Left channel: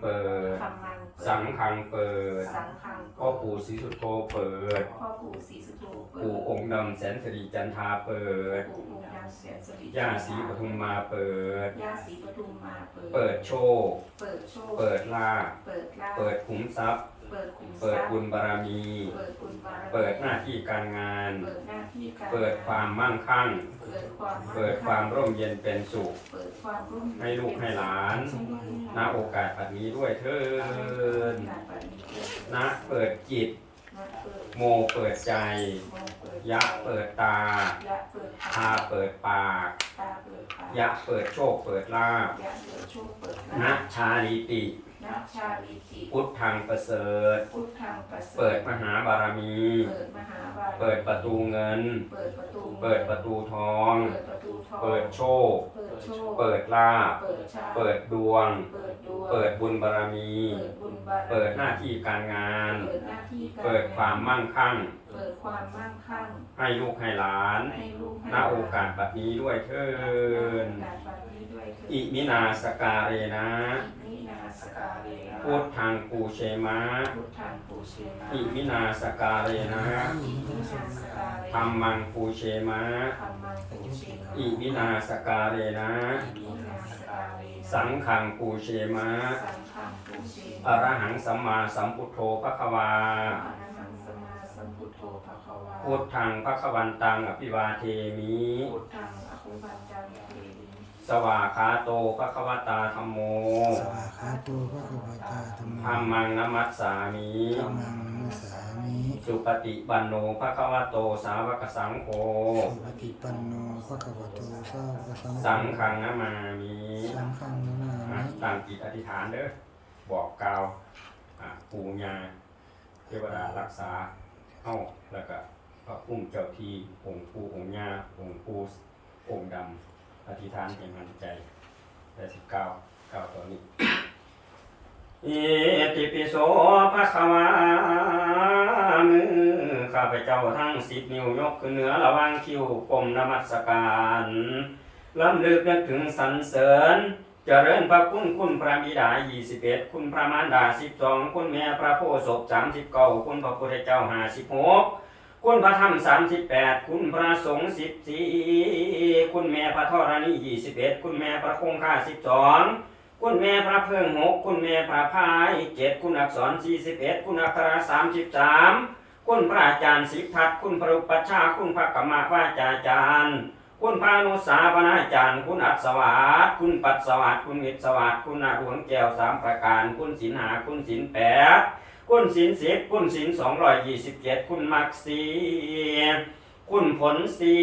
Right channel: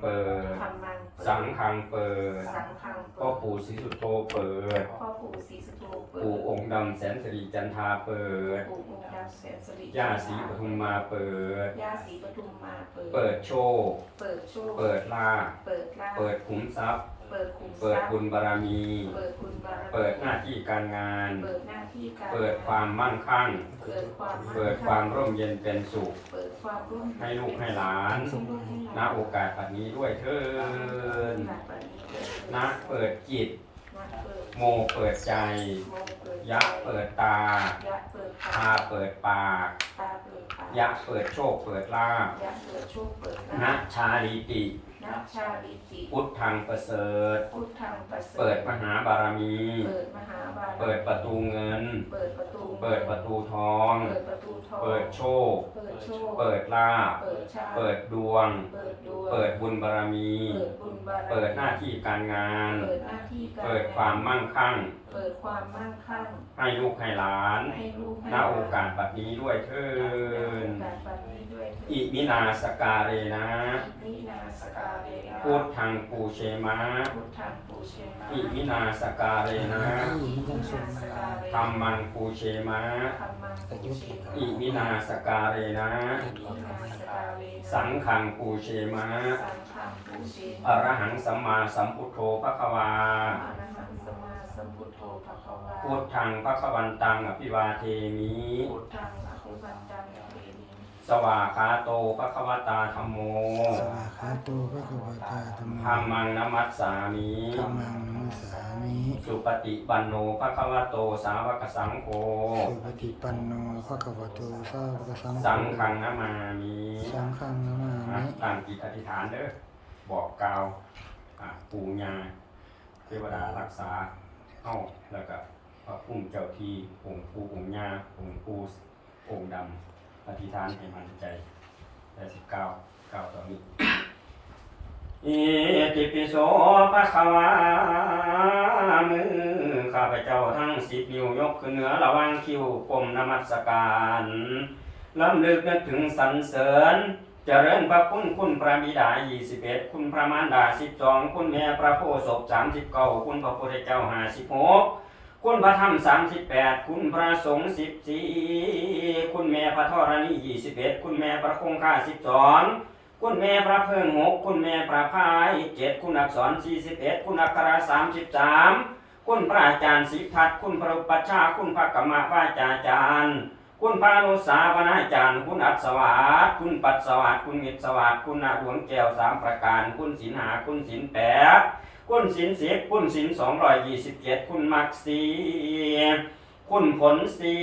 เปิด ธรรมังเปิดสังฆังเปิดสังฆังพ่อเปิดปู่ศรีสุโธเปิด พ่อปู่ศรีสุโธเปิปู่ดองค์ดำแสนสิริจันทราเปิด ปู่องค์ดำแสนสิริย่าศรีปทุมมาเปิด ย่าศรีปทุมมาเปิด เปิดโชค เปิดโชคเปิดลาภเปิดลาภเปิดขุมทรัพย์ เปิดคุมทเปิดรัพย์บุญบารมี เปิดบุญบารมีเปิดหน้าที่การงาน เปิดหน้าที่การเปิดความมั่งคั่ง เปิดความมั่งเปิดความร่มเย็นเป็นสุข เปิดความร่มให้ลูกให้หลานให้ลูกให้หณลานโอกาสปัดนี้ด้วยเถินณบัดนี้เถิดณเปิดจิต ณเปิดโมเปิดใจ โมเปิดยะเปิดตายะเปิดพาเปิดปาก ตาเปิดปากยะเปิดโชคเปิดลาภยะเปิดโชคเปิดณลาภชาลิติ ณ ชาลิติพุทธังประเสริฐ พุทธังประเสริฐ เปิดมหาบารมี เปิดมหาบารมี เปิดประตูเงิน เปิดประตูเปิดประตูทอง เปิดประตูทอง เปิดโชค เปิดโชค เปิดลาภเปิดชาเปิดดวง เปิดดวงเปิดบุญบารมี เปิดบุญบารมีเปิดหน้าที่การงาน เปิดหน้าที่การเปิดความมั่งคั่ง เปิดความมั่งคั่ง ให้ลูกให้หลานให้ลูกให้ณโอกาสบัดนี้ด้วยเถินณโอกาสบัดนี้ด้วยเถิดอิมินาสการเรนะอิมินาสการเรนะพุทธังปูเชมะพุทธังปูเชนะอิมินาสการเรนะอิมินาสการเรนะธรรมังปูเชมะธรรมังปูเชนะอิมินาสการเรนะอิมินาสการเรนะ สังฆังปูเชมะสังฆังปูเชนะอรหังสัมมาสัมพุทโธพระควาอรหังสมมาสัมพุทโธภะคะวา พุทธังพระควันตังอภิวาเทมิ สวาคาโตพระควตาธรรมโมสวาขาโตพระกวตาธรรธรรมังมังนมัสสามิธรรมังนมัสสามิสุปฏิปันโนพระควโตสาวกสังโฆสุปฏิปันโนพระกวโตสาวกสังสังโฆฆังนามามิสังฆังนามาอะมิตั้งจิตอธิษฐานเด้อบอกกล่าวอะปู่ย่าเทวดารักษาเอ้าแล้วก็พระพุ่มเจ้าที่องค์ปู่องค์ย่าองค์ปู่องค์ดำ อธิษฐานให้มันใจแปดสิบเก้าเก้าตอนนี้อิติปิโสภะคะวามือข้าพเจ้าทั้งสิบนิ้วยกขึ้นเหนือระว่างคิ้วก้มนมัสการล้ำลึกนึกถึงสรรเสริญเจริญพระคุณคุณพระบิดา21คุณพระมารดา12คุณแม่พระโพธิ์ศพ39คุณพระพุทธเจ้า56 คุณพระธรรม38คุณพระสงฆ์14คุณแม่พระธรณี21คุณแม่พระคงคา12คุณแม่พระเพิ่งหกคุณแม่พระพายเจ็ดคุณอักษรสี่สิบเอ็ดคุณอักขระสามสิบสามคุณพระอาจารย์สิทธัตคุณพระอุปัชฌาคุณพระกรรมวาจาจารย์คุณพระนุสาวนาจารย์ คุณอัศวาสคุณปัสสวัสดิ์คุณมิตรสวัสดิ์คุณนาหลวงแก้วสามประการ คุณสินหาคุณสินแปด คุณสินสิบคุณสินสองร้อยยี่สิบเจ็ดคุณมักสีคุณผลสี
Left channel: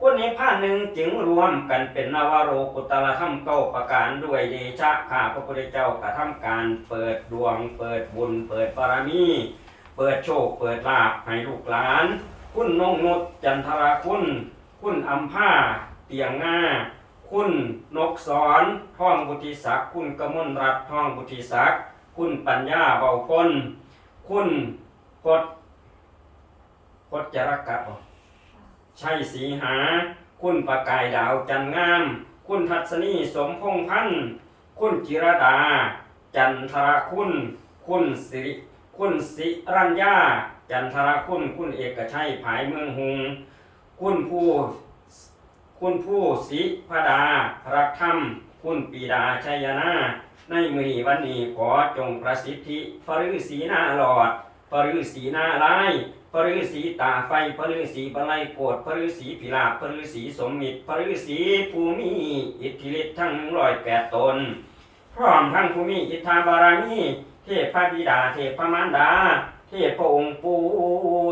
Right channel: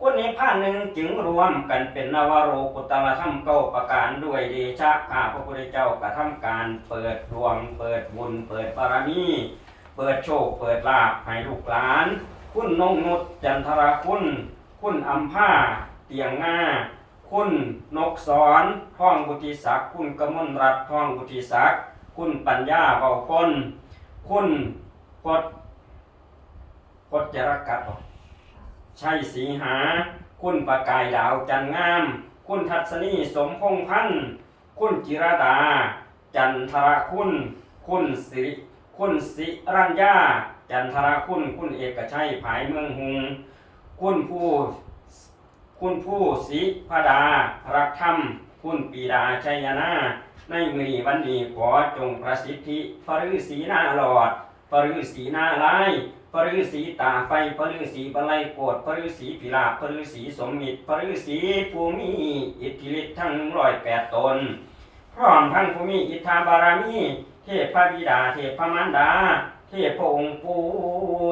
คุณนิพพานหนึ่งจึงรวมกันเป็นนวโรกุตละธรรมเก้าประการด้วยเดชะข้าพระพุทธเจ้ากระทำการเปิดดวง เปิดบุญ เปิดบารมี เปิดโชค เปิดลาภให้ลูกหลาน คุณนงนุชจันทราคุณ คุณอัมพาเตียงง่า คุณนกสอนท่องบุติศักคุณกมลรัตท่องบุติศักดิ์ คุณปัญญาเบาพ้นคุณกดกดจรกัดบ่ชัยสีหา คุณประกายดาวจันงาม คุณทัศนีสมพงษ์พันธ์คุณจิรดา จันทรคุณ คุณสิริคุณสิรัญญา จันทรคุณ คุณเอกชัยภายเมืองหุง คุณผู้ คุณผู้ศิพดาพรักธรรม คุณปีดาชัยนา ในมือนีวันนี้ขอจงประสิทธิปรือสีหน้าหลอดปรือสีหน้าลายปรือสีตาไฟปรือสีบลัยโกดปรือสีพิลาภปรือสีสมมิตรปรือสีภูมิอิทธิฤทธิ์ทั้งร้อยแปดตน พร้อมทั้งภูมิอิทธาบารมีเทพพระบิดาเทพพระมารดา เทพพระองค์ปู่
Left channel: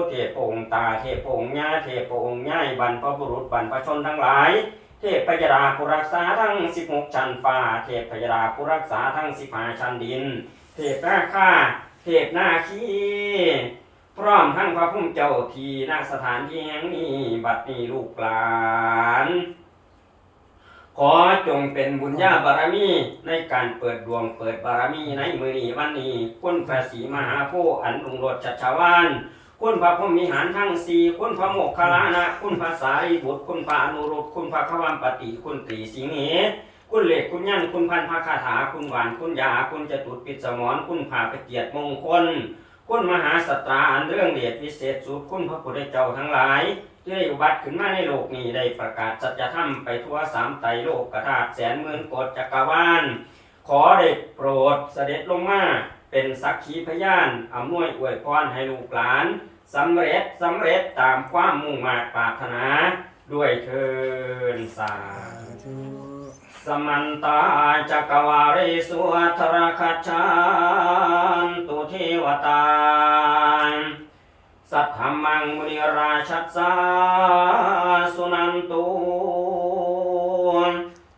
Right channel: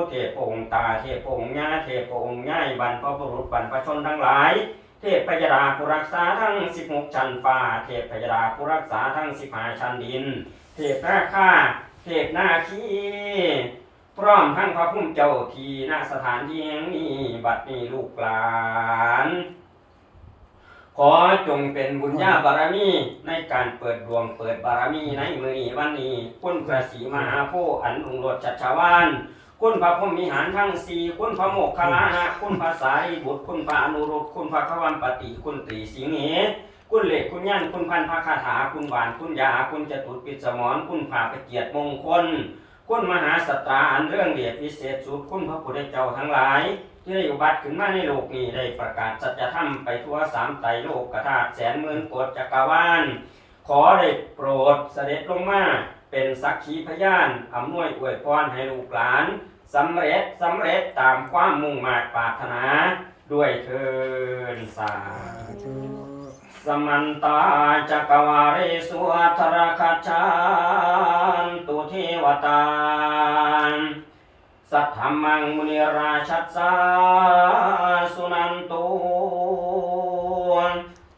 เทพพระองค์ตา เทพพระองค์ย่าเทพพระองค์ย่ายบรรพบุรุษบรรพชนทั้งหลาย เทพพยดาผู้รักษาทั้งสิบหกชั้นฟ้า เทพพยดาผู้รักษาทั้งสิบห้าชั้นดิน เทพนาคาเทพนาคีพร้อมทั้งพระพุ่มเจ้าทีณสถานที่แห่งนี้บัดนี้ลูกหลานขอจงเป็นบุญญาบารมีในการเปิดดวงเปิดบารมีในมือนี้วันนี้คุณพระศรีมหาโพธิ์อันรุ่งโรจน์ชัชวาน คุณพระพรหมิหารทั้งสี่คุณพระโมคคัลานะ คุณพระสารีบุตร คุณพระอนุรุตคุณพระขวัมปติ คุณตรีสิงเหคุณเหล็กคุณยันคุณพันพระคาถา คุณหวาน คุณยา คุณจตุรปิสมรคุณผ่าไปเกียรติมงคล คุณมหาสตราอันเรื่องเดชวิเศษสุด คุณพระพุทธเจ้าทั้งหลาย ที่ได้อุบัติขึ้นมาในโลกนี้ได้ประกาศสัจธรรมไปทั่วสามไตรโลกกธาตุแสนหมื่นโกฏจักรวาล ขอได้โปรดเสด็จลงมา เป็นสักขีพยานอำนวยอวยพรให้ลูกหลานสำเร็จสำเร็จตามความมุ่งหมา่ปรารถนา ด้วยเทินสาสาธุสมันตาจักวาเรสุอัทรคัจานตุเทวตาสัทธมังมุนิราชัสสาสุนันตุ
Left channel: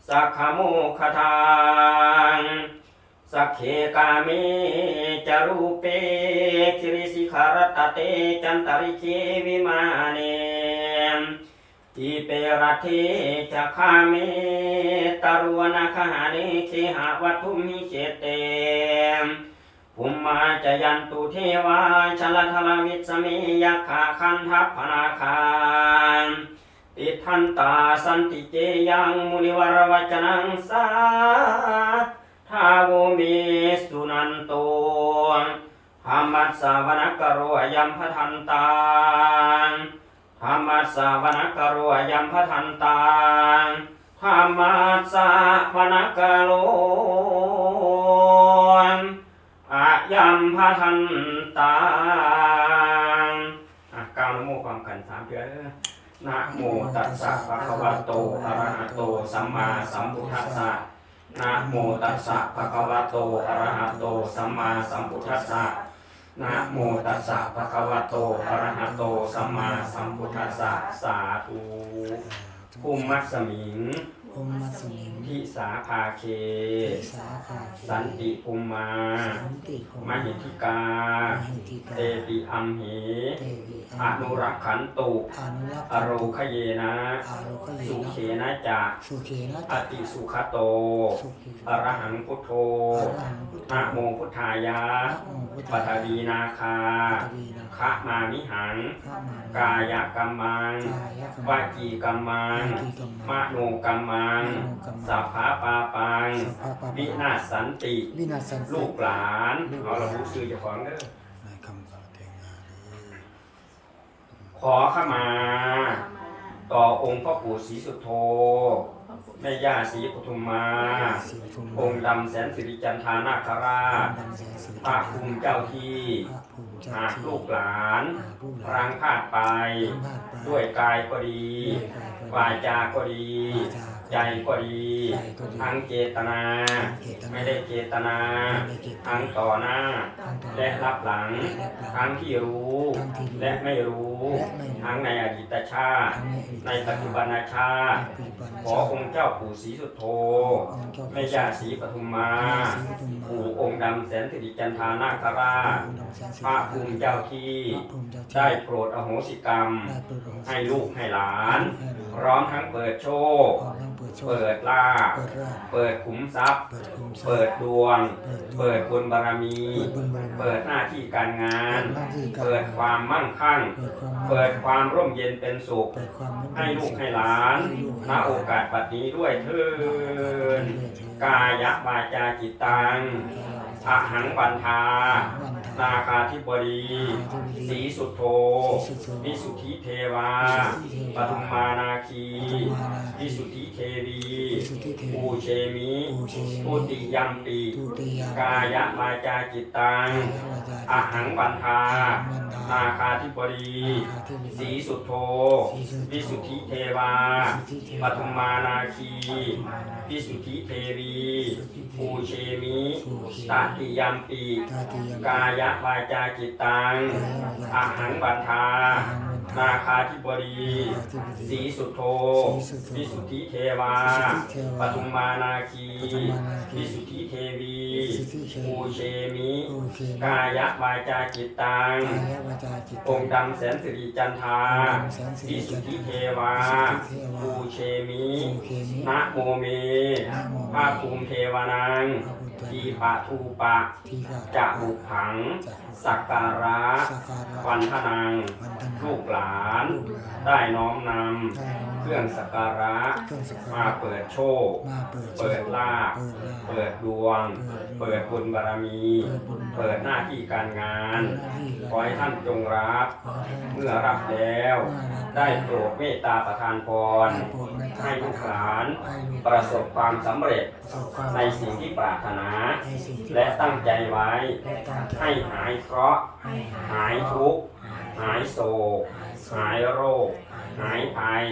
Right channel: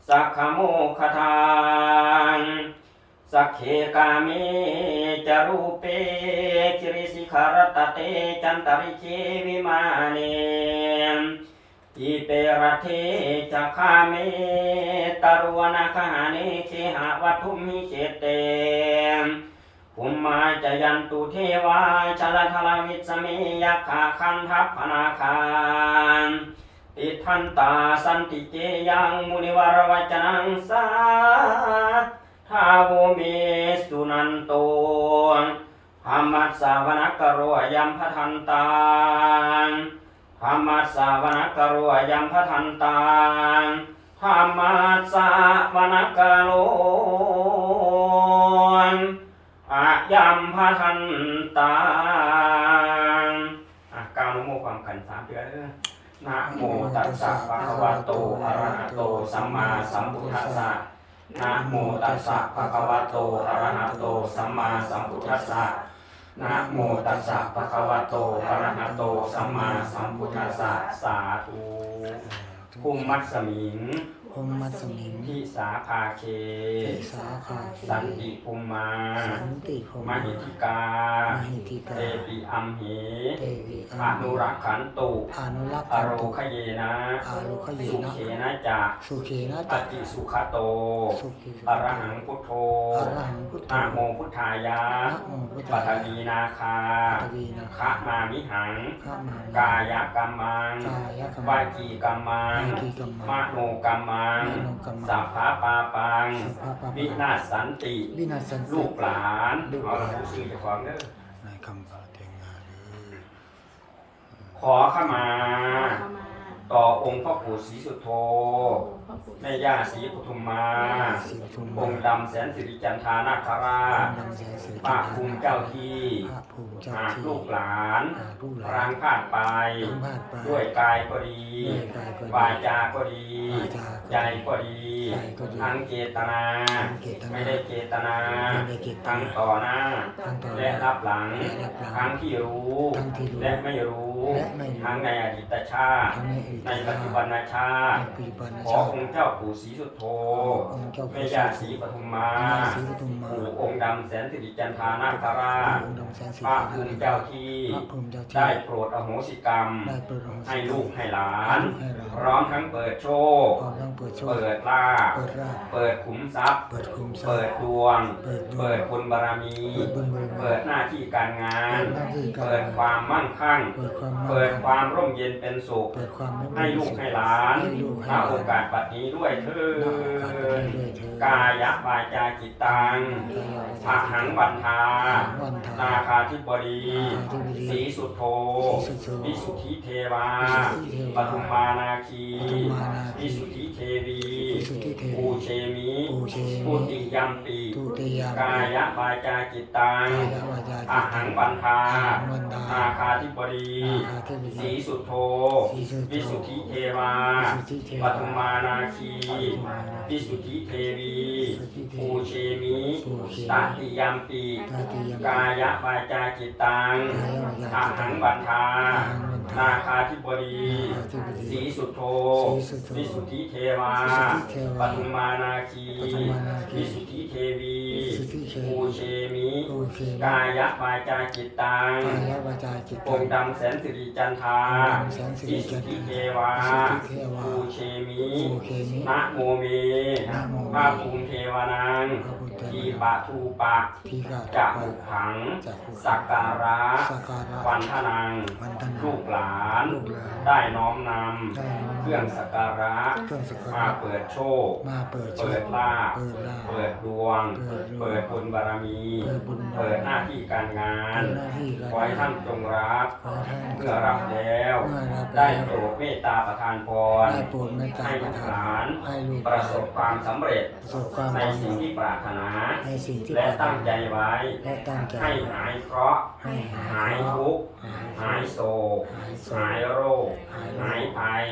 สักขโมคทาง สักเขกามิจารูเปคิริสิขารตเตจันตริเควิมาเนอิเปรเทจะคาเมตารวนาคหานิเคหะวัตุมิเจเตภุมมาจยันตุเทวาชลทลวิสเมยักขาคันทัพพนาคารติทันตาสันติเจยังมุนิวรวจนังสา ทาวเมสุนันโตธรรมัสสาวนกโรยัมพทันตานธรรมัสสาวนกโรยัมพทันตานธรรมัสสาวนกโรอายัมพทันตาอะกล่าวนโมความขันสามเดือนนะโมตัสสะภะคะวะโตอะระหะโตสัมมาสัมพุทธัสสะ นะโมตัสสะภะคะวะโตอะระหะโตสัมมาสัมพุทธัสสะนะโมตัสสะภะคะวะโตอะระหะโตสัมมาสัมพุทธัสสะสาธุภูมิมัสสมิง พรหมมัสมิงทิสาภาเคทิสาภาคีสันติภูมิมาสันติพรหมหิทิกา มหิทิกา เตปิอัมเหเทวิอนุรักขันตุ อนุรักษ์อโรคเยนะอาโลคเยสุนะ เขนะจะสุเขนะอจักติสุขโต สุขีอรหังพุทโธอรหังพุทโธนะโมพุทธายะนะโมพุทปัธาทวีนาคาปฐวีนาคะมามิหัง ข้ามากายกัมมังกายกรรวามจีกัมมังวาจีกรรมมโนกัมมังมโนกัมมัง สัพพะปาปังสัพพะปะวินาศสันติ วินาศสันติลูกหลานลูกหลานเอาระบุชื่อเจ้าของเด้อในคำปาเทงาเด้อขอขมา ต่อองค์พระปู่ศรีสุโธ แม่ย่าศรีปทุมมาสิปทุมองค์ดำแสนสิริจันทานาคราชดำแสนสิริพระภูมิเจ้าที่พระภูมิเจ้าหากที่ ลูกหลานหากลูกหลานรังพลาดไปทั้งพลาดไปด้วยกายก็ดี ด้วยกายก็ดีวาจาก็ดี วาจาก็ดีใจก็ดี ใจก็ดีทั้งเจตนา ทั้งเจตนาไม่ได้เจตนา ไม่ได้เจตนาทั้งต่อหน้า ทั้งต่อหและน้ารับหลัง และรับหลังทั้งที่รู้ ทั้งที่รู้และไม่รู้ และไม่รู้ทั้งในอดีตชาติ ทั้งในอดีตในปัจจุบันชาติ ในปัจจุบันขอองค์เจ้าปู่ศรีสุโธองค์เจ้าแม่ย่าศรีปทุมมาแม่ย่าศรีปทุมมาปู่องค์ดำแสนสิริจันทานาคราชองค์ดำแสนสิพริระภูมิเจ้าที่พระภูมิเจ้าที่ได้โปรดอโหสิกรรมได้เปิดโรงให้ลูกให้หลานให้ลูกให้หลาน พร้อมทั้งเปิดโชคพร้อมทั้งเปิดโชคเปิดลาภเปิดราบเปิดขุมทรัพย์เปิดคุมทรัพย์ เปิดดวง เปิดดวงเปิดบุญบารมีเปิดบุญบารมีเปิดหน้าที่การงานเปิดหน้าที่การงาน เปิดความมั่งคั่ง เปิดความมั่งเปิดความร่มเย็นเป็นสุขเปิดความร่มให้ลูกให้หลานให้ลูกให้ณหลานโอกาสบัดนี้ด้วยเถิดด้วยเถิดกายะวาจาจิตตังอาหังวันทาวันทานาคาธิบดีนาคาธิบดีสีสุโธศรีสุโธวิสุทธิเทวาวิสุทธิเทวาปทุมมานาคีปทุมมานาคีวิสุทธิเทวีวิสุทธิเทวีปูเชมิปูเชมิปุติยัมปีทุติยามกายะวาจาจิตตัง กายะวาจาจิตตังอาหังวันทาอาหังวันทานาคาธิบดีนาคาธิบดีสีสุโธสีสุโธ วิสุทธิเทวาวิสุทธิเทวาปทุมมานาคีปทุมมานาคีวิสุทธิเทวีวิสุทธิเทวีปูเชมิปูเชมิตติยัมปีตาติยามกายะวาจาจิตตังกายะวาจาอาจิตหัตังงวันทาอาหังวันทานาคาธิบดีนาคาธิบดีสีสุโธสีสุโธ วิสุทธิเทวาวิสุทธิเทวาปทุมมานาคีปทุมมานาคีวิสุทธิเทวีวิสุ ทธิเทเชปูเชมิปูเชมิกายวาจาจิตตังกายวาจาจิตอตังงค์ดำแสนสิริจันทราองค์ดำแสนสิริวิจัสุทนทราธิเทวาวิสุทธิเทวาปูเชมิปูเชมินะโมเมนะโมเมภาภูมิเทวานังพระพุทธเจ้าทีปะทูปะทีกาจะบุขังจักขุสักการะสักการะวันทนังวันธนาลูกหลานลูกหลาน ได้น้อมนได้น้อมำเครื่องสักการะเครื่องสักการะมาเปิดโชคมาเปิดเปิดลาภเปิดลาภเปิดดวง เปิเปิดดดวงบุญบารมีเปิดบุญบารมีเปิดหน้าที่การงานเปิดหน้าที่การงานขอให้ท่านจงรับขอให้ท่านเมื่อรับแล้วเมื่อรับได้แล้วโปรดเมตตาประทานพรได้โปรดเมตตาให้ลูกหลานให้ลูกประสบความสำเร็จประสบความในสิ่งที่ปรารถนาในสิ่งที่และตั้งใจไว้และตั้งใจให้หายเคราะห์ให้หาหายทุกข์หายโศก หายโรค หายภัย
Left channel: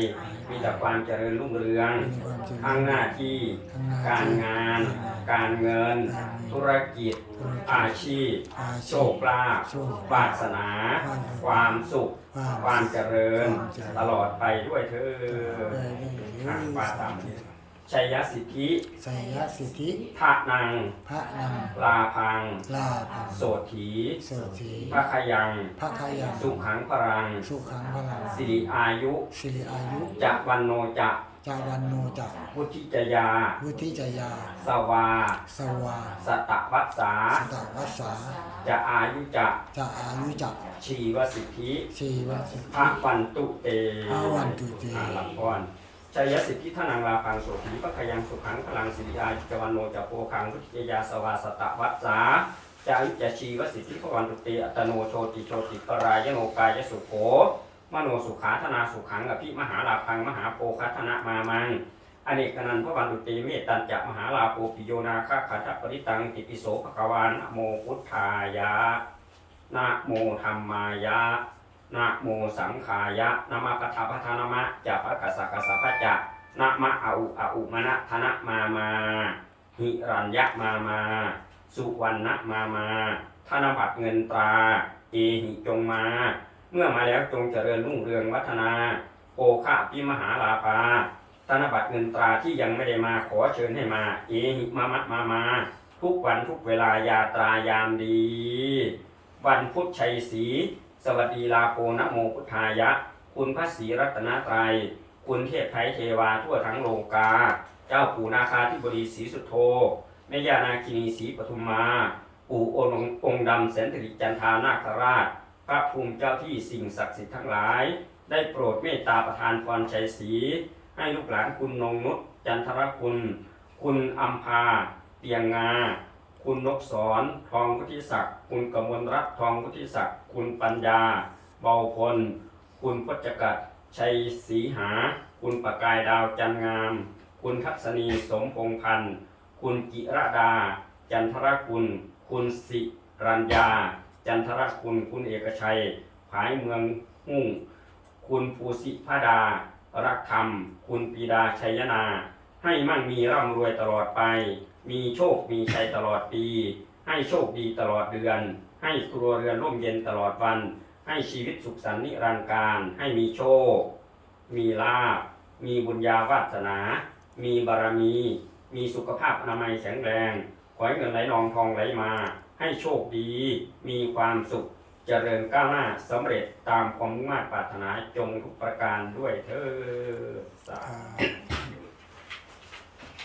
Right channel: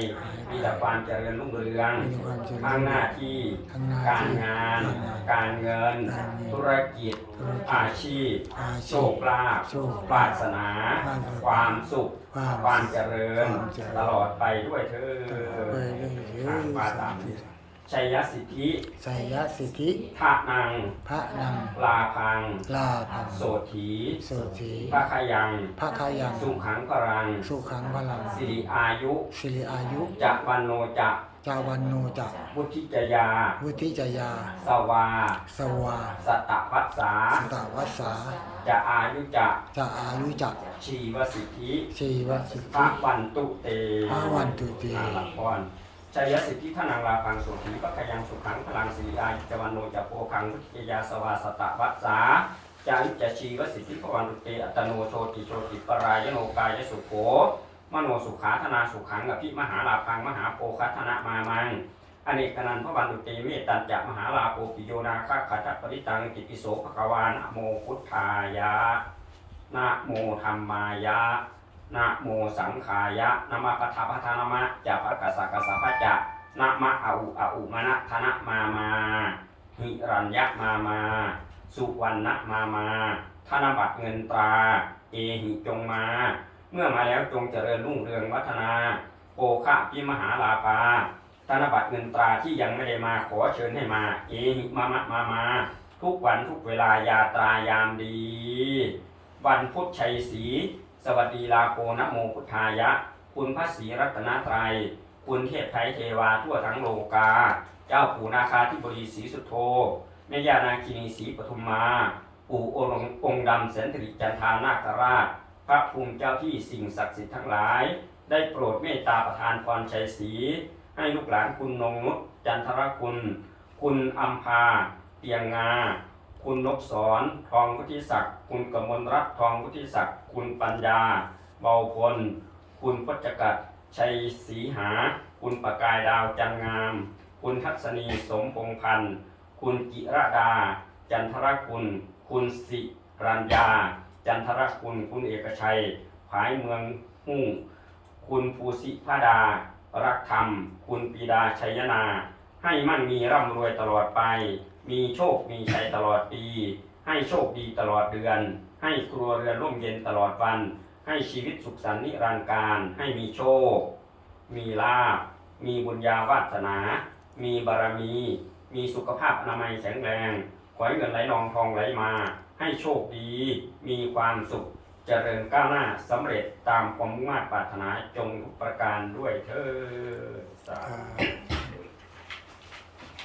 มีแต่ความเจริญรุ่งเรืองมีความเจริญข้างหน้าที่ข้างหน้าการที่งานการงาน การเงินการเงิน ธุรกิจ ธุรกิจอาชีพอาโชชีพคลาภโชคปรารถนา ปรารถนาความสุขความความเจริญ ความเจริญ ตลอดไปด้วยเธอไปเรื่อยทางปาตามชัยสิทธิๆไสยสิทธิ ทานัง พระนังลาพัง ลาภังโสถีโสธีพระขยัง พระคายังสุขังพรัง สุขังพลังสิริอายุ สิริอายุ จะวันโนจะ จาวันโนจักพุทธิจยา วุฒิจยา สวา สวา สตวัสสา สตวัสสาจะอายุจะจะอายุจักชีวสิทธิสีวสิทพระธิ วันตุเตพระวันตุเต อาลัพรชัยสิทธิทนังลาพังโสถีปะขยังสุขังพลังสิริอายุจวันโนจะโพคังพุทธิจยาสวาสตวัสสาจายุจะชีวสิทธิพระวันตุเตอัตโนโชติโชติปรายโนกายสุโข มโนสุขาธนาสุขังอภิมหาลาพังมหาโพคัธนะมามังอเนกนันพระวันตุเตเมตตัญจะมหาลาโปปิโยนาคาขัตปริตังติปิโสภควานโมพุทธายะนะโมธรรมายะนะโมสังขายะนะมะกัทธพัทานามะจะพะกัสสะกัสสะพะจะนะมะอาอุอาอุมะนะธนะมามาหิรัญญะมามา สุวรรณมามา ธนบัตรเงินตรา เอหิจงมา เมื่อมาแล้วจงเจริญรุ่งเรืองวัฒนาโอคะพิมหาลาภาธนบัตรเงินตราที่ยังไม่ได้มาขอเชิญให้มา เอหิมามะมามา ทุกวันทุกเวลายาตรายามดี วันพุธชัยศรีสวัสดีลาโกนะโมพุทธายะ คุณพระศรีรัตนตรัย คุณเทพไทยเทวาทั่วทั้งโลกา เจ้าปู่นาคาธิบดีศรีสุโธแม่ย่านาคินีศรีปทุมมา ปู่ององค์ดำแสนสิริจันทานาคราช พระภูมิเจ้าที่สิ่งศักดิ์สิทธิ์ทั้งหลาย ได้โปรดเมตตาประทานพรชัยศรีให้ลูกหลานคุณนงนุชจันทรคุณ คุณอัมพาเตียงงา คุณนกสอนทองพุทธิศักดิ์คุณกมลรัตนทองพุทธิศักดิ์คุณปัญญา เบาพล คุณพจกัดชัยศรีหา คุณประกายดาวจันงาม คุณทัศนีสมพงพันธ์ คุณจิรดา จันทรคุณ คุณสิรัญญา จันทรคุณ คุณเอกชัย ผายเมืองหุ่ง คุณภูสิพดา รักธรรม คุณปีดาชัยนา ให้มั่งมีร่ำรวยตลอดไป มีโชค มีชัยตลอดปี ให้โชคดีตลอดเดือน ให้ครัวเรือนร่มเย็นตลอดวัน ให้ชีวิตสุขสันต์นิรันดร์การ ให้มีโชค มีลาภ มีบุญญาวาสนา มีบารมี มีสุขภาพอนามัยแข็งแรง ขอให้เงินไหลนองทองไหลมา ให้โชคดี มีความสุข เจริญก้าวหน้าสำเร็จตามความมุ่งมั่นปรารถนาจงทุกประการด้วยเถิดสาธุอ่า